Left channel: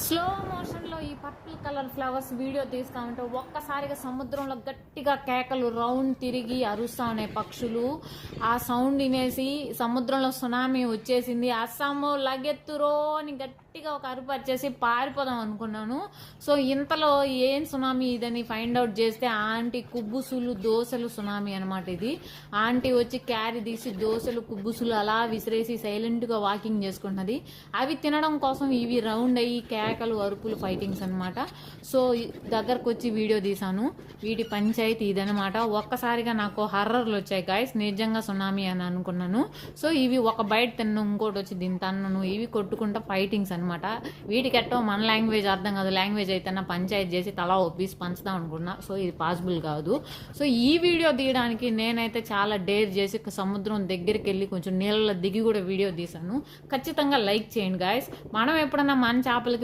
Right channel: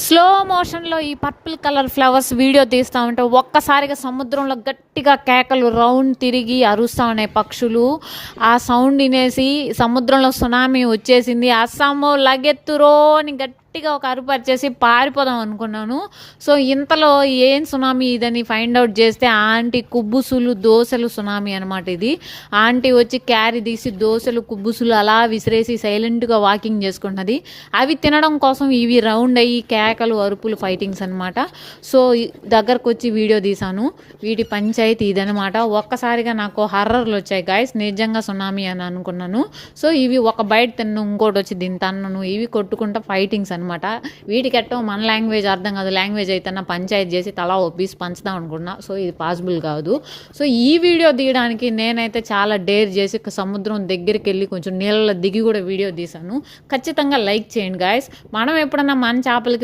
Slow మోషన్లో ఈ purple colour flowers video తీస్తూ ఉంటే ఒక్కసారిగా సముద్రంలో గట్టిగా కేకలు రౌండ్ తిరిగి అరుస్తూ ఉన్నాయి పక్షులు. ఆ సౌండ్ వినేసి సముద్రంలో సునామీ వచ్చేసింది, అస్సాము లగెత్తురో అని గట్టిగా ఒక అరుపు వచ్చేసి పారిపోదాం అనుకున్నాను. సో ఇంతలో ఏం సునామీ ఇదని ఫైండ్ అవుట్ చేస్తే ఆంటీ కుబ్బుసులు దోశలు సునామీ అనమాట ఇది. ఆంటీ వచ్చి క్యారీ తీసి దోశలు కుబ్బుసులు అలా విసిరేసి సైలెంట్గా వాకింగ్ చేసుకున్నది. అవి తినడం కోసం ఇవి రౌండ్ అయ్యి కేకలు అరుపులు ఫైటింగ్స్ అనమాట. సో దగ్గరకు వచ్చి వీడియో తీశాను. వీటి పంచాయతీ ఇదనమాట. ఒక్కసారిగా నాకు హర్రర్లు వచ్చాయి గాయస్, నిజంగా సునామీ అని అనుకున్నాను. సో ఇవి ఒక బయట తిన్ను, ఇంకోటి వచ్చి దీని తన్నను, ఇవి కొట్టుకుంటా ఫైటింగ్స్ అనమాట. వీటికి ఎట్టో మన లాంగ్వేజ్ అర్థం కాదు, లాంగ్వేజ్ అయితే పంచాయతీ చేసి తలా ఒప్పేసి పంచుదాం అనుకున్నా. సో ఇది పాసిబుల్ కాదు. సో ఈ వీడియో తీయడానికి నేనైతే చాలా డేర్ చేసి సముద్రం దగ్గరికి వెళ్ళి కొంచెం నీళ్ళలో దిగి కూడా వీడియో తీశాను. ఖచ్చితంగా లైక్ చేయండి గాయస్. మనం ఎప్పుడన్నా మన చేపలకి